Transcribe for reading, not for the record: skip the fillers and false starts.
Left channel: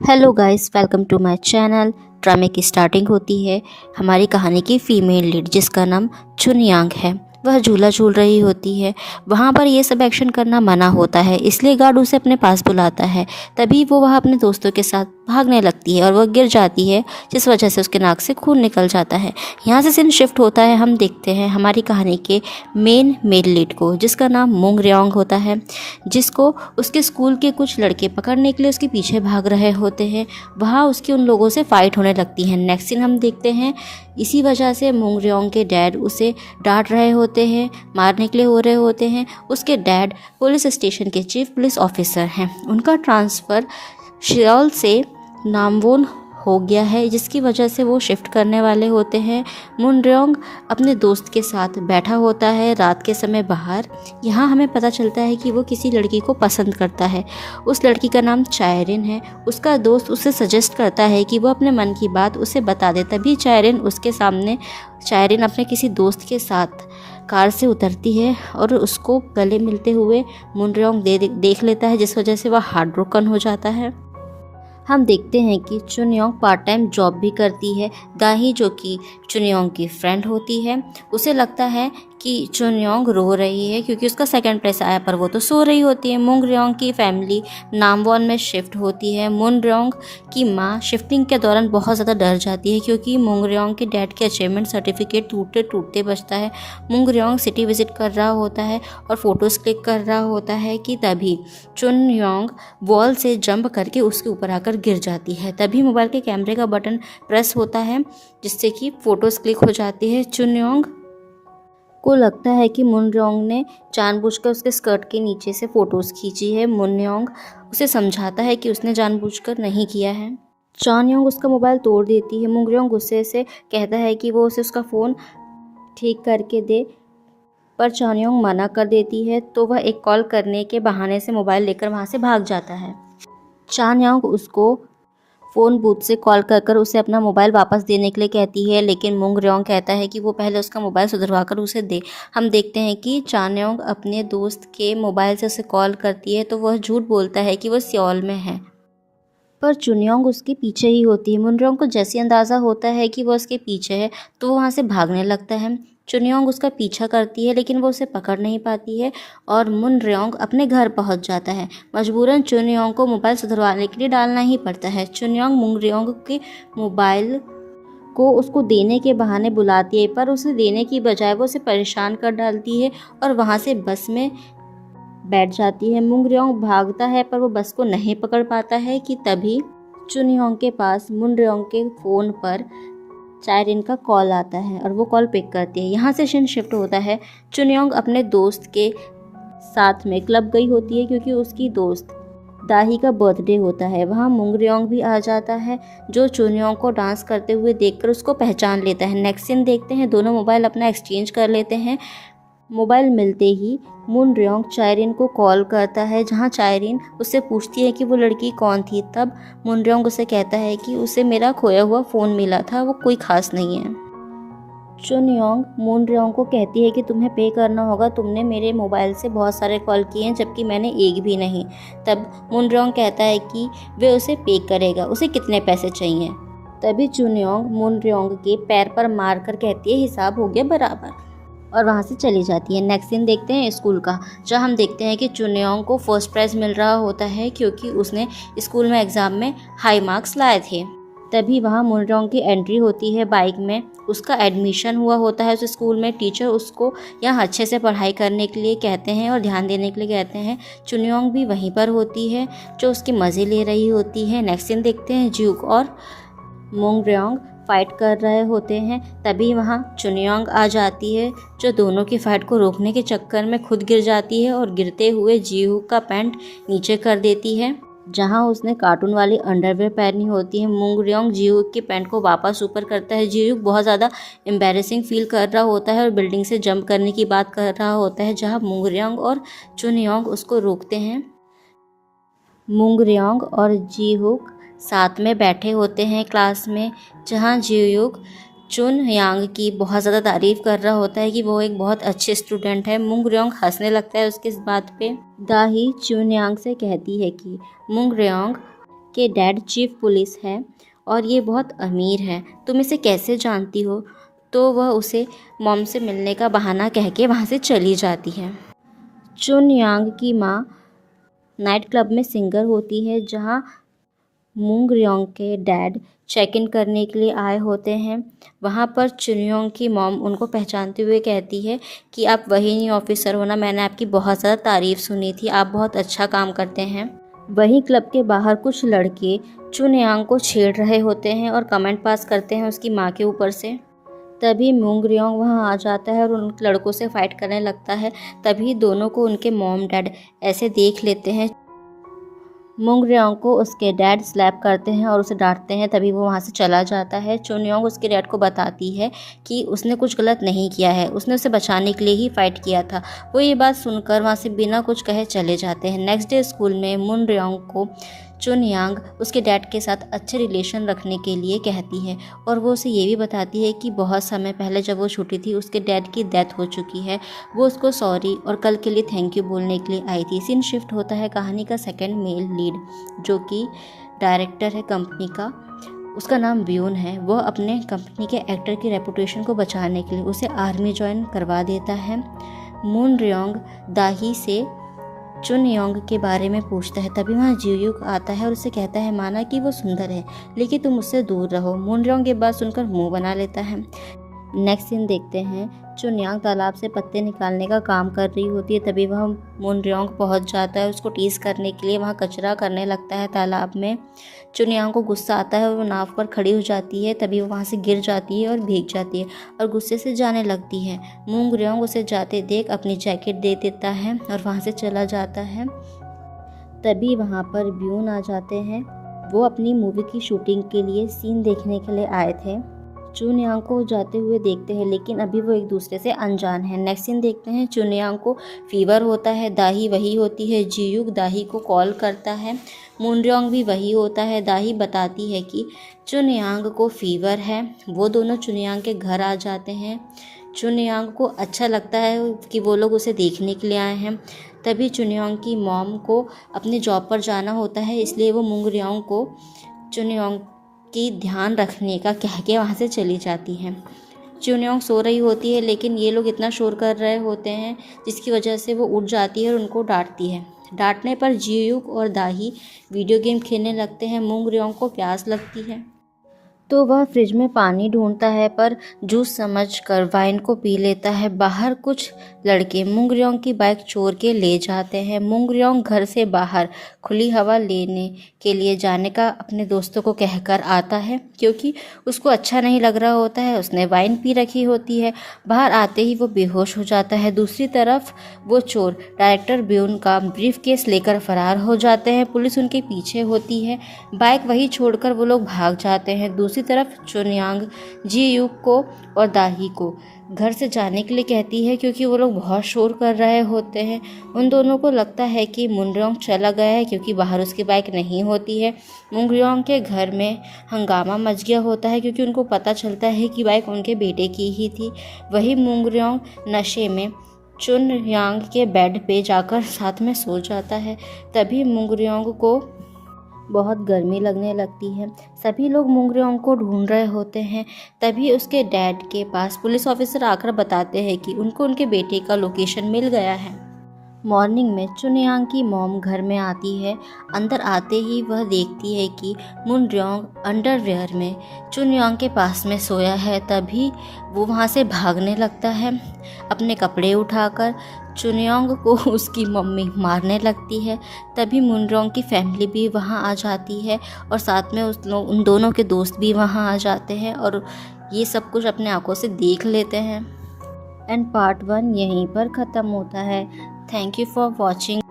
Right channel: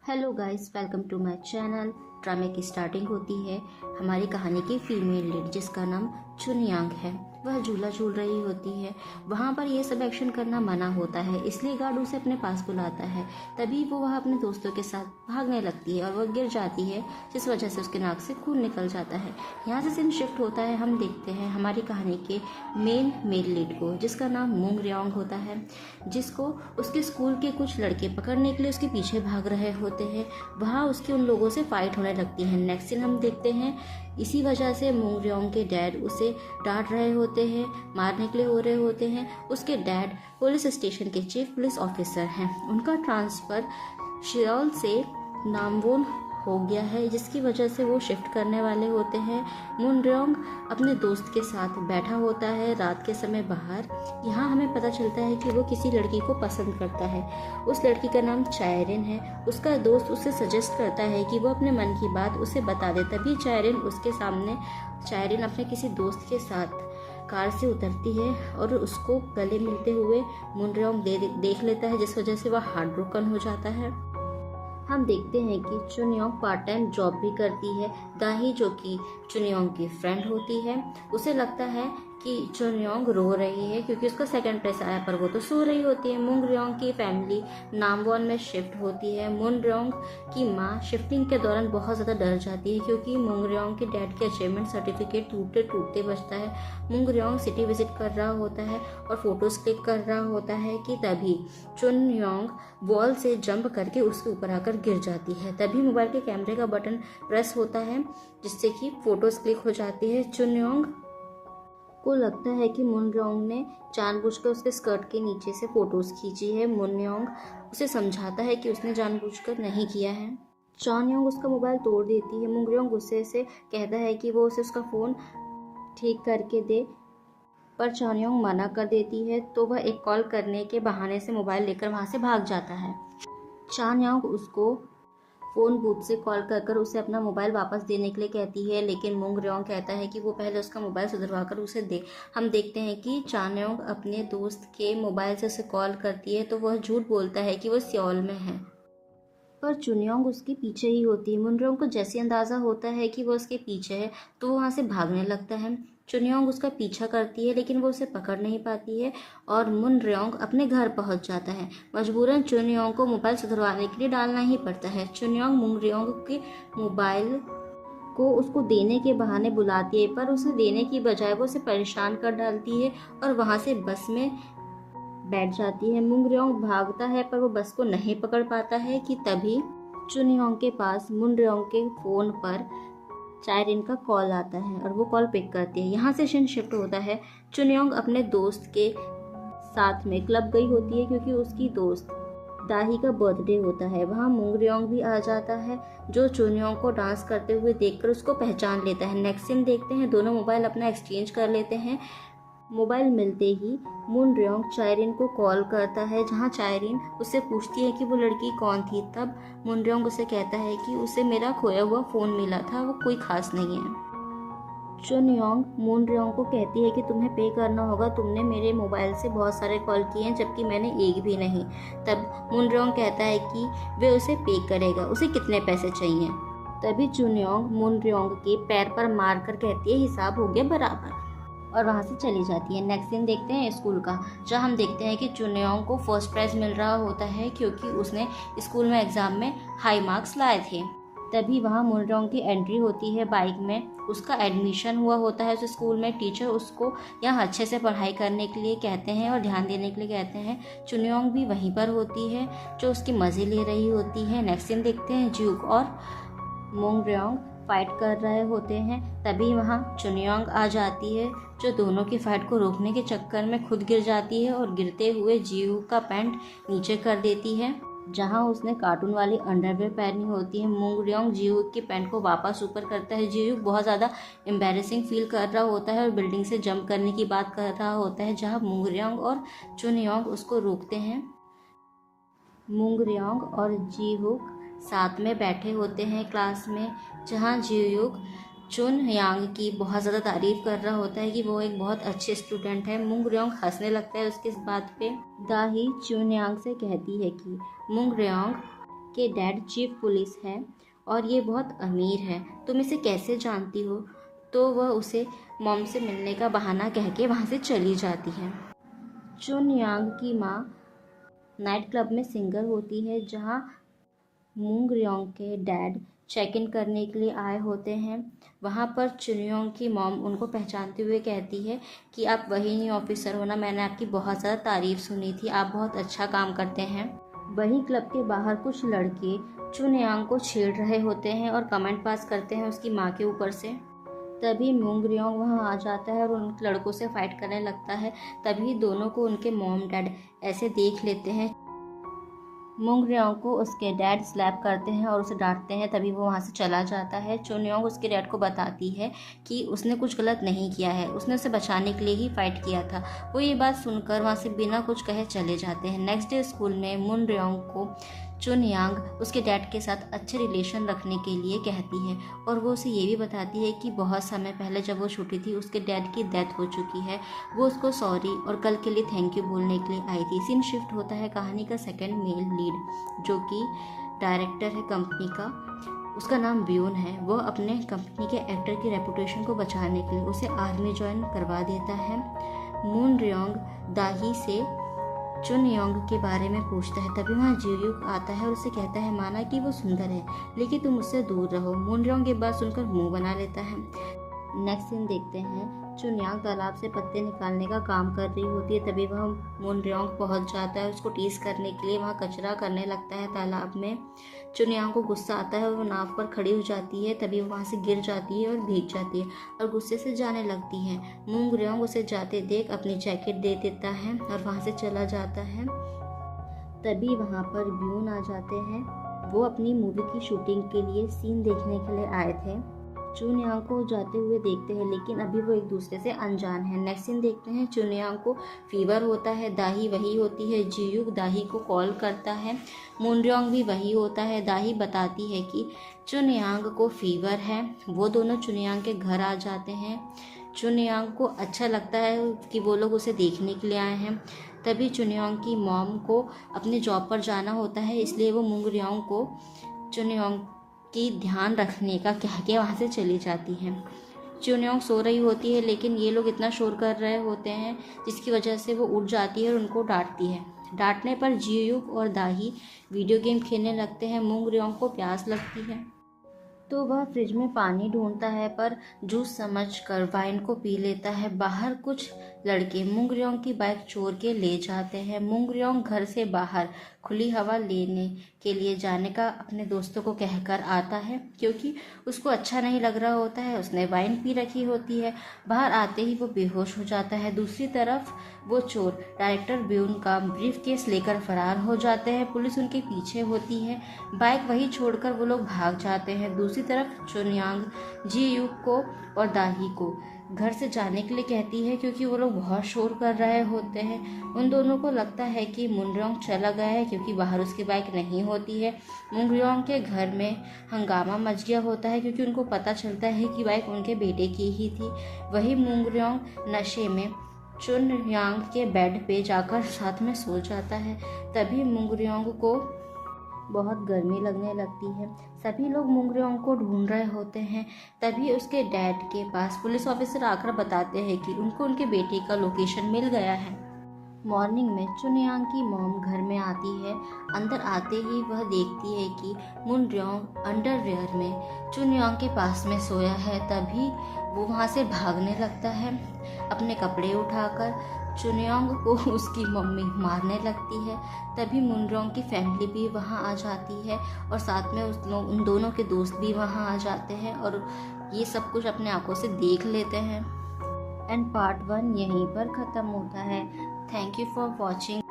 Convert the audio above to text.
Hello guys, welcome to my channel. ड्रामे की starting होती है हमारी कहानी की फीमेल लीड जिसका नाम चुनयांग है। वह झूला झूल रही होती है। वहाँ पर ये सब एक्शन करना मना होता है, इसलिए गार्ड उसे अपने पास बुलाता है। तभी वो वह अपने दोस्तों के साथ भागने लगती है और वह गिर जाती है, जिस वजह से उसके नाक से खून निकल जाता है। यहाँ से सीन शिफ्ट होता है, हम देखते हैं हमारी कहानी के मेन मेल लीड को, जिसका नाम मुंग रेोंग होता है, जिसको उसके स्कूल के कुछ लड़के पकड़ने के लिए उसके पीछे भाग रहे होते हैं। वहाँ उसकी उन लोगों से फाइट होने लगती है। नेक्स्ट सीन हम देखते हैं, इसी वजह से मुंग रेोंग के डैड उसे डांट रहे होते हैं, मारने के लिए हो रहे होते हैं। उसके डैड पुलिस स्टेशन के चीफ पुलिस ऑफिसर हैं। उनका ट्रांसफ़र शियोल से नामवोन हो गया है, जिसकी वजह से वो शिफ्ट करने वाले होते हैं। मुन रेोंग अपने दोस्त के साथ बैठा होता है रात के समय बाहर। यहाँ हमें पता चलता है कि वो किसी लड़की को पसंद करता है। उस लड़की का नाम चायरिन है। उसका दोस्त उसे सजेस्ट करता है कि वो अपने मन की बात उसे बता दे। तभी चायरिन अपने किसी दोस्त के साथ कार से उतरती है और उसको गले मिलते हुए मुन रेोंग देख लेता है, जिस वजह से वह हार्ट ब्रोकन हो जाता है। हम देखते हैं कि चुनयोंग पार्ट टाइम जॉब भी करती है। दाही, जो कि चुनयोंग की फ्रेंड होती है, उसे लगता है कि चुनयोंग रो रही है क्योंकि उसका सेकंड प्लेस आया, पर वो तो सो रही होती है। मुंग रेोंग की फैमिली नामवोन में शिफ्ट होती है। मुन रेोंग की माँ शिफ्टिंग के दौरान बहुत ज़्यादा डर जाती है क्योंकि मुंग रेोंग के डैड के अचीवमेंट सर्टिफिकेट टूटते टूटते बचता है। मुंग रेोंग सिटी विजिट कर रहा होता है और फोटोज़ क्लिक कर रहा होता है कि तभी चुनयोंग वॉल से जंप करके उसके ऊपर आकर गिर जाती है। तभी मोबाइल के कैमरे का बटन प्रेस होता है, जिससे कि फ़ोटोज़ क्लिक हो जाती है। चुनयोंग को लगता है कि मुन रेोंग ने जानबूझकर उसके स्कर्ट के नीचे से फ़ोटोज़ खींची है। मुन रेोंग उसे समझाता है कि उसने जानबूझकर नहीं किया है। चानयोंग उसका मोबाइल तोड़ देती है। मुंग रेोंग गुस्से से कहता है कि वो उसे उसका फ़ोन ठीक करके दे, पर चानयोंग मना कर देती है, तो वह एक कॉल करने के बहाने से मोबाइल लेकर वहाँ से भाग जाता है। चानयोंग उसको फ़ोन बूथ से कॉल कर उसे अपना मोबाइल वापस देने के लिए कहती है, लेकिन मुंग रेोंग कहता है कि वो पहले उसका मोबाइल सुधरवा कर उसे दे। हम देखते हैं कि चानयोंग अपने दोस्त के मोबाइल से उसे कॉल करती है, तो वह झूठ बोलता है कि वह सियोल में है, पर चुनयोंग उसके पीछे ही होती है। मुन रेोंग को जैसे अंदाज़ा होता है कि वह उसके पीछे है, तो वो वहाँ से भागने लगता है। चुनयोंग उसका पीछा करती है, लेकिन वो उसे पकड़ नहीं पाती है और मुन रेोंग अपने घर पहुँच जाता है। मजबूरन चुनयोंग को मोबाइल सुधरवाने के लिए डालना ही पड़ता है। चुनयोंग मुन रेोंग के मोबाइल को उसको देने के बहाने बुलाती है, पर उसे देने की बजाय वो उसे परेशान कर डालती है और वहाँ से बस में बैठ जाती है। मुंग रेोंग भागता है, पर वो बस को नहीं पकड़ पाता है कि तभी चुनयोंग के पास मुन रेोंग के फ़ोन पर चायरिन का कॉल आता है और वो कॉल पिक करती है। यहाँ से सीन शिफ्ट होता है। चुनयोंग अपने दोस्त के साथ में क्लब गई होती है क्योंकि उसकी दोस्त दाही का बर्थडे होता है। वहाँ मुंग रेोंग भी आ जाता है, जो चुनयोंग को डांस करते हुए देखकर उसको पहचान लेता है। नेक्स्ट सीन देखते हैं, दोनों मोबाइल अपना एक्सचेंज कर लेते हैं। मोबाइल मिलते ही मुन रेोंग चायरिन को कॉल करता है, जहां चायरिन उससे पूछती है कि वो लड़की कौन थी। तब मुन रेोंग उसे कहता है कि उसे मेरा खोया हुआ फ़ोन मिला था, वो कोई ख़ास नहीं है। चुनयोंग मुन रेोंग को कहती है कि तुम्हें पे करना होगा, तुमने मेरे मोबाइल से बहुत सारे कॉल किए हैं जबकि मैंने एक भी नहीं। तब मुन रेोंग कहता है कि वे उसे पे करेगा, उसे कितने पैसे चाहिए। तभी चुनयोंग मुन रेोंग के पैर पर मार कर कहती है हिसाब हो गया बराबर, और वहाँ से चली जाती है। नेक्स्ट सीन देखते हैं स्कूल का, जहाँ हम देखते हैं कि चुनयोंग को फर्स्ट प्राइज़ मिल रहा होता है क्योंकि उसने स्कूल में एग्ज़ाम में हाई मार्क्स लाए थे। तभी वहाँ मुन रेोंग की एंट्री होती है बाइक में। उसका एडमिशन हुआ होता है उस स्कूल में। टीचर उसको यहाँ अच्छे से पढ़ाई करने के लिए कहते हैं और ध्यान देने के लिए कहते हैं। चुनयोंग भी वहीं पर होती है, जो उसके मज़े ले रही होती है। नेक्स्ट सीन देखते हैं, ज्यूक और मुंग रेोंग फाइट कर रहे होते हैं। तभी वहाँ चुनयोंग आ जाती है, जो दोनों की फाइट को रोकने के चक्कर में खुद गिर जाती है और गिरते हुए जीहूक का पैंट नीचे कर देती है, जहाँ उसने कार्टून वाली अंडरवेयर पहनी होती है। मुंग रेोंग जीहूक के पैंट को वापस ऊपर करता है। जीहूक बहुत ज़्यादा एम्बैरेसिंग फील कर रहा होता है और बिल्डिंग से जंप करने की बात कर रहा होता है, जहाँ मुंग रेोंग और चुनयोंग उसको रोकते हैं। मुंग रेोंग और जीहूक साथ में बैठे होते हैं क्लास में, जहाँ जीहूक चुनयांग की बहुत ज़्यादा तारीफ़ कर रहा होता है कि वो एक बहुत अच्छे स्टूडेंट है। मुंग रेोंग हंसने लगता है उसकी इस बात पे। दाही चुनयांग से कहती है कि मुंग रेोंग के डैड चीफ पुलिस है और ये बहुत अमीर है, तुम इसे कैसे जानती हो? तो वह उसे मॉम से मिलने का बहाना कह के वहाँ से चली जाती है। चुन यांग की माँ नाइट क्लब में सिंगर होती है, जहाँ मूंग रियोंग के डैड चेक इन करने के लिए आए होते हैं। वहाँ पर चुनयोंग की मॉम उनको पहचानते हुए कहती है कि आप वही नहीं ऑफिसर हो ना, मैंने आपकी बहुत ज़्यादा तारीफ़ सुनी थी, आप बहुत अच्छा काम करते हैं। वहीं क्लब के बाहर कुछ लड़के चुनयांग को छेड़ रहे होते हैं और कमेंट पास करते हैं उसकी माँ के ऊपर से। तभी मूंग रियोंग वहाँ आ जाता है और उन लड़कों से फाइट करने लगता है। तभी दोनों को उनके मॉम डैड ऐसे देख लेते हैं। मूंग रियोंग को उसके डैड स्लैप करते हैं और उसे डांटते हैं। तभी वो वहाँ से चला जाता है। चुनयोंग उसके डैड को बताती है कि उसने कुछ गलत नहीं किया है, उसने उसे बचाने के लिए ही फाइट किया था। वो ये बात सुनकर वहाँ से बिना कुछ कहे चले जाते हैं। नेक्स्ट डे स्कूल में मूंग रियोंग को चुनयांग उसके डैड के साथ अच्छे रिलेशन रखने के लिए कहती है और वो उसे ये भी बताती है कि बहुत समय पहले जब वो छोटी थी उसके डैड की डेथ हो चुकी है। वो उसको सॉरी और कल के लिए थैंक यू बोलने के लिए आई थी। सीन शिफ्ट होता है कहानी का सेकंड मेल लीड जो कि डायरेक्टर है कंपनी का, उसका नाम ब्यून है। वह अपने कंपनी के एक्टर की रेपुटेशन को बचाने के लिए उसे आर्मी ज्वाइन करवा देता है। मून रियोंग दाही से चुनयोंग के बारे में पूछता है। तभी वहाँ जियूक आता है और उसे कहता है माना कि वो सुंदर है लेकिन तुम उससे दूर रहो। मून रियोंग ये बात सुनकर मुंह बना लेता है। नेक्स्ट सीन देखते हैं चुनयांग तालाब से पत्ते निकालने का काम कर रही होती है। तभी वह मून रियोंग पहुँच जाता है, उसको टीस करने के लिए वहाँ कचरा करने लगता है तालाब में। चुनयांग को गुस्सा आता है और वो नाव पर खड़ी हो जाती है। तभी वो वहाँ से गिर जाती है और भीग जाती है और गुस्से से जाने लगती है। मूंग रियोंग उसे जाते देख अपनी जैकेट दे देता है और वहाँ से चला जाता है। तभी वहाँ पर ब्यून आ जाते हैं। वो अपनी मूवी की शूटिंग के लिए सीन देखने के लिए आए थे। चुनयांग को जाते हुए देखते हैं लेकिन अभी वो एक दूसरे से अनजान है। नेक्स्ट सीन देखते हैं चुनयांग को फीवर होता है, दाही वही होती है। जियूक दाही को कॉल करता है। मून रियोंग भी वही होता है। दाही बताती है कि चुनयांग को फीवर है। वो दोनों चुनयांग के घर आ जाते हैं। चुनयांग को अच्छा लगता है कि वो लोग उसे देखने के लिए आए हैं। तभी चुनयांग की मॉम को अपने जॉब पर जाना होता है, इसलिए वो मूंग रियोंग को चुनयांग की ध्यान रखने का कह के वहाँ से चली जाती हैं। चुनयांग सो रही होती है लेकिन ये लोग इतना शोर कर रहे होते हैं जिसकी वजह से वो उठ जाती है और उनको डांटती है। डांटने पर जियूक और दाही वीडियो गेम खेलने लगते हैं। मूंग रियोंग को प्यास लगती है तो वह फ्रिज में पानी ढूंढता है पर जूस समझकर वाइन को पी लेता है। बाहर कुछ लड़के मूंग रियोंग की बाइक चोर के ले जाते हैं। मूंग रियोंग घर से बाहर खुली हवा लेने के लिए जाने का अपने दोस्तों को कहकर आता है क्योंकि उसको अच्छा नहीं लग रहा होता है, उसने वाइन पी रखी होती है। बाहर आते ही वो बेहोश हो जाता है। दूसरी तरफ वो चोर डायरेक्टर ब्यून का ब्रीफ केस लेकर फरार हो जाते हैं। पुलिस उनके पीछे होती है। बाइक वहीं छोड़कर वो लोग भाग जाते हैं। दूसरी तरफ चुनयांग जियूक को और दाही को घर से जाने के लिए कहती है क्योंकि वो लोग बहुत शोर कर रहे होते हैं। उन दोनों को लगता है कि मून रियोंग चला गया है क्योंकि बाहर उसकी बाइक नहीं होती है। मूंग रियोंग के घर में हंगामा मच गया होता है क्योंकि उनको पता चलता है कि बाइक उनके बेटे की ही थी। वही मूंग रियोंग नशे में चुनयांग के बेड पे जाकर साथ में सो जाता है। तभी मूंग रियोंग को बहुत गर्मी लगने लगती है। सभी लोग मूंग रियोंग को ढूंढ रहे होते हैं। तभी उसके डैड के पास पुलिस ऑफिसर आकर बताते हैं कि उनको उनके बेटे का लोकेशन मिल गया है। मॉर्निंग में चुनयांग की मॉम घर में आती है। अंदर आते ही वह देखती है कि मून रियोंग अंडरवेयर में चुनयांग के पास में सोया है। तभी वो वहाँ से भागने लगता है अपने कपड़े उठाकर। चुनयांग को उसकी मम्मी मारने लगती है। तभी मून रियोंग की फैमिली भी वहाँ आ जाती है और साथ में उन दोनों के दोस्त भी वहाँ आ जाते हैं और ये सब कुछ अपने आंखों से देख लेते हैं। एंड पार्ट 1 यहीं पर ख़त्म होता है। Thank you for watching.